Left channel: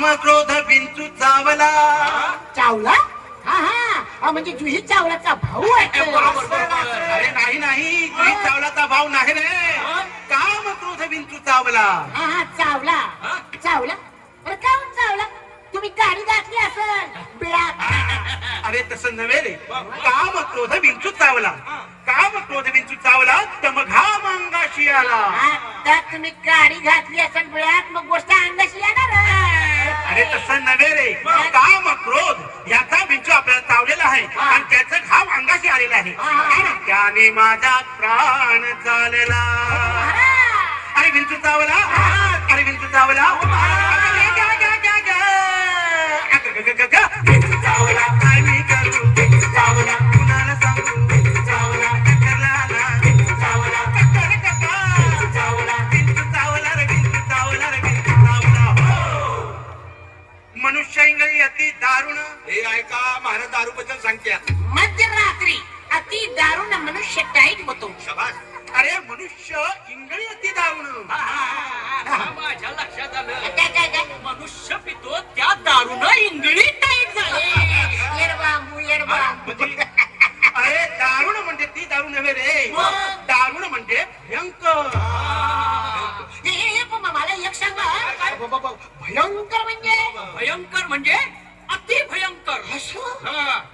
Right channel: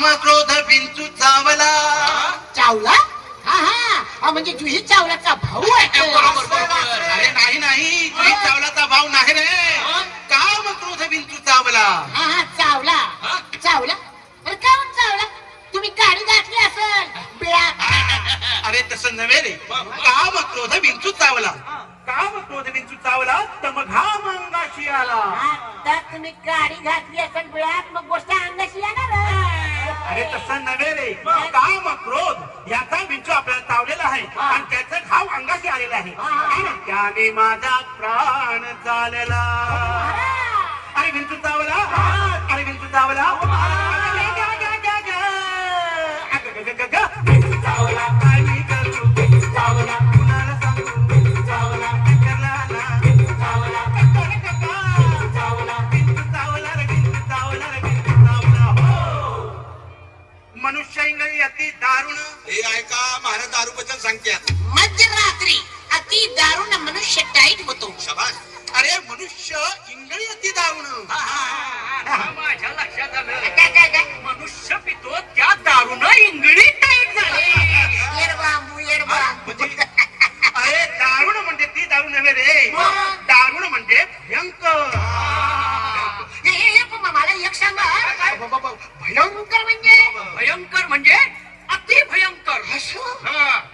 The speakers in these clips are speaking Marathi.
काम क्रोध विंचू चावला. चावला? हा म्हणजे जुही चावलाचा भाऊ आहे. अरे नाही नाही, जुही चावलाचा भाऊ नाही रे. काम क्रोध विंचू चावला. हा चावला. चावला? अरे काहून चावला? तुम्ही गाडी घातली असेल बिळात. अरे तसं नव्हे रे. काम क्रोध विंचू चावला. काम क्रोध विंचू चावला तर मग हा अंगाशी आला. तर तुम्ही गाडी घातली असेल बिळात मग गोष्ट अंगाशी येणार. अरे तसं नव्हे रे. काम क्रोध याचा विंचू आपल्याला चावलेला आहे आणि त्याचा घाव अंगाशी आलेला आहे आणि त्याने माझा प्राण चालला. अरे विंचू चावला. अरे विंचू चावला. चावला काय मी करू. चावला कुणाला सांगू. चावला करला ना. चावला चावला विंचू चावला रे. विंचू चावला रे. विंचू चावला. मनुष्य इंगळी अति दारुण. हे ऐका, महाराज दारू बद्दल सांगत्यात. मध्यरात्री अति दारुण मनुष्य टाईट होतो. शाबास. अरे मनुष्य इंगळी अति दारुण. माझ्या लक्षात आलं. काय मनुष्य पितो त्या दारूनं इंगळी टाईट झाली. अरे दारुण म्हणजे ती दारू नव्हे रे. दारुण म्हणजे भयंकर. मला एक सांगा भयंकर म्हणजे? भयंकर म्हणजे अति भयंकर.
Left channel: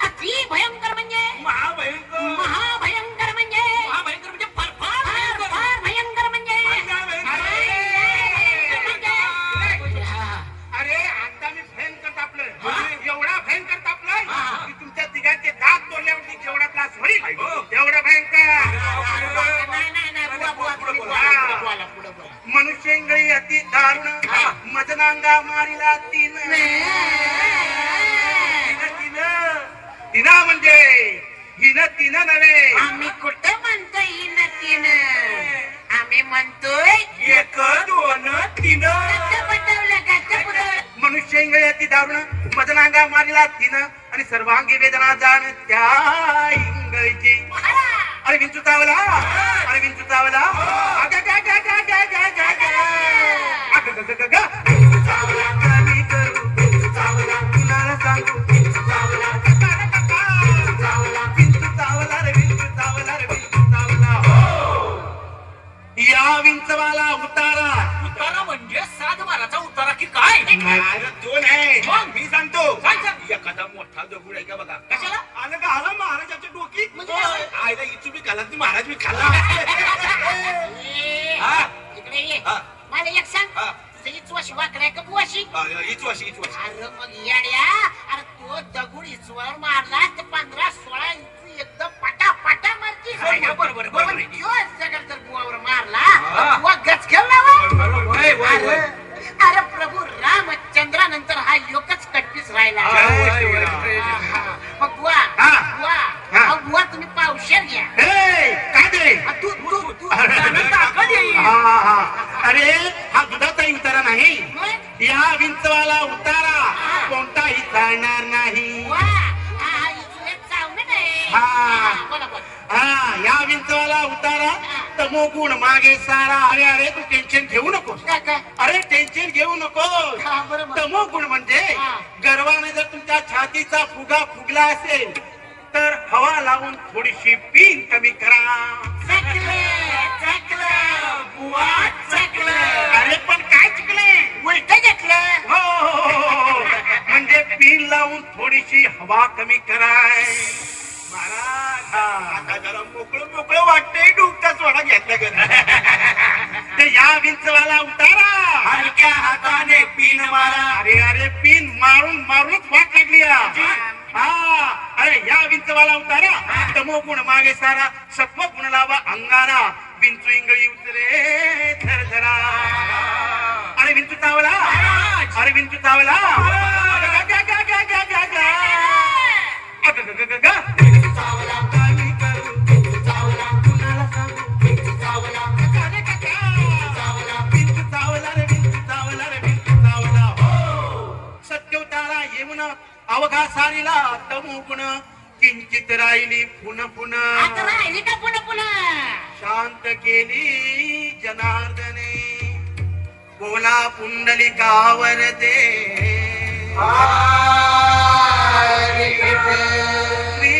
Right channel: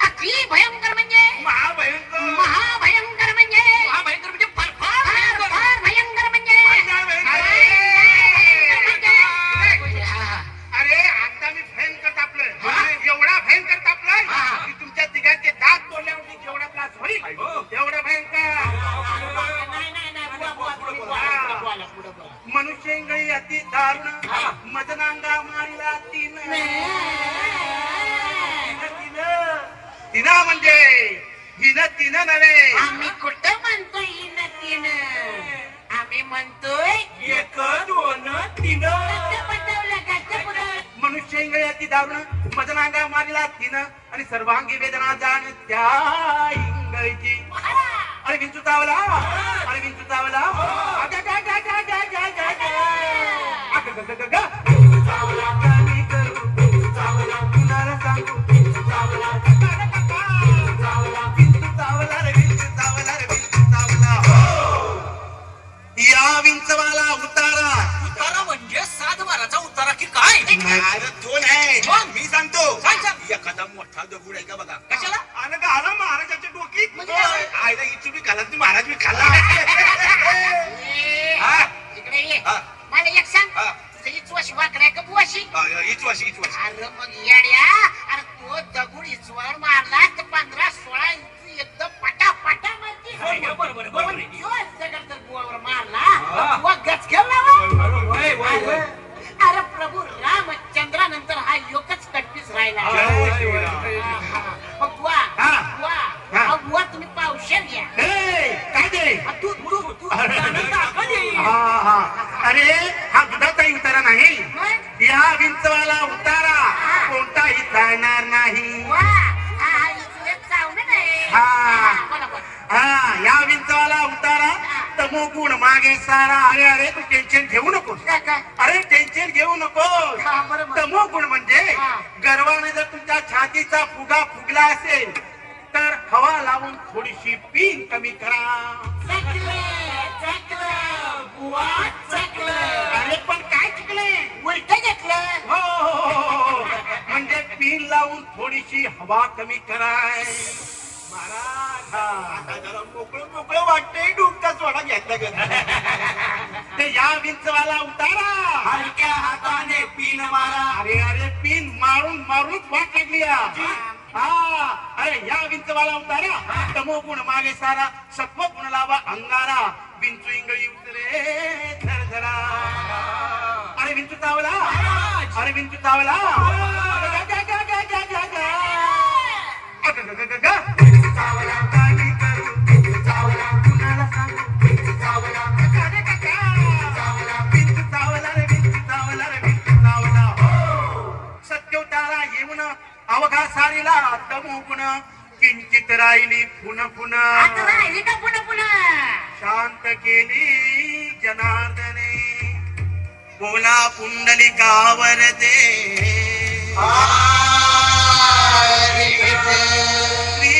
अति भयंकर म्हणजे? महाभयंकर. महाभयंकर म्हणजे? महाभयंकर म्हणजे फार फार भयंकर म्हणजे? अरे आता मी भयंकर तापलोय. एवढा भयंकर तापलोय की तुमच्या तिघांचे दात तोडल्यावरती जेवढा त्रास होईल तेवढा भयंकर. मनुष्य इंगळी अति दारुण. मदनांगा मारिला तीन. तिना म्हणजे हिनं तिनं नव्हे. आम्ही कुठं म्हणतोय हिन तिन. आम्ही म्हणतोय एक दोन तीन. मनुष्य इंगळी अति दारुण. मदनांगा मारिला तीन आणि सर्वांगी वेदना जाण त्या इंगळीची. अरे विंचू चावला. अरे विंचू चावला. चावला कमी करू. चावला कुणाला सांगू. चावला चावला विंचू चावला रे. विंचू चावला रे. विंचू चावला. या विंचवाला उतारा. उतारा म्हणजे 7 बाराचा उतारा की काय? अरे दोन आहे. मग? मी सांगतो. काय सांग? एखादा मोठा दगड आहे का बघा. कशाला? आणि घाला महाराजाच्या डोकीत. म्हणजे? आयला इथून बी घाला ती महाराज मी खाल्ला. हा? इकडे ये. हा. मला एक सांग हा. तुझी चोशी वाकडाय का बुवाशी? इचवाशी. अरे मग येड्या. अरे तो दगड इचवर मारला तर 15-16 इंच एकदम पटा मारती. बरोबर आहे. दिवस दगड जर बुवावर मारला बुवा गचकेल ना. अरे प्रभू रामचंद्रानंतर हा योगच कट्टीस राहिला. मग बुवा तुम्ही पावशेर घ्या. काय ते. तू अरे हा दुधाचा उतारा नाही. मग? या विंचवाला उतारा कोणताही चालणार नाही. हा या विंचवाला उतारा तमोगुण मागे सारा. अरे तू टेन्शन घेऊ नकोस. अरे टेन्शन घेऊ नकोस. तमोगुण म्हणजे गर्वाने जर तुमच्या छातीचा फुगा फुगला असेल तर हवा लावून थोडीशी पीन कमी करा. अरे पण काय चुकले. उलट घेतलं. हो म्हणजे पीन लावून थोडीशी हवा कमी कराय. महाराज आता जरा मोकळं वाटतंय. डुबता सोडा घेतला का. ते या विंचवाला उतारा. हलक्या हाताने पीन मारा. अरे पीन मारूनच वाट लागली. अरे या विंचवाला उतारा तमोगुण मागे सारा. सत्व गुण लावा अंगारा. विंचू इंगळी उतरे झरझरा. अरे विंचू चावला. अरे विंचू चावला. चावला काय मी करू. चावला कुणाला सांगू. चावला विंचू चावला रे. विंचू चावला रे. विंचू चावला. सत्य उतारा येऊन अवघा सारीला तमोगुण किंचित राहिली पुन्हा राहिली का पुन्हा शांत केली जनार्दने. बोला पुंडलिकावरते श्री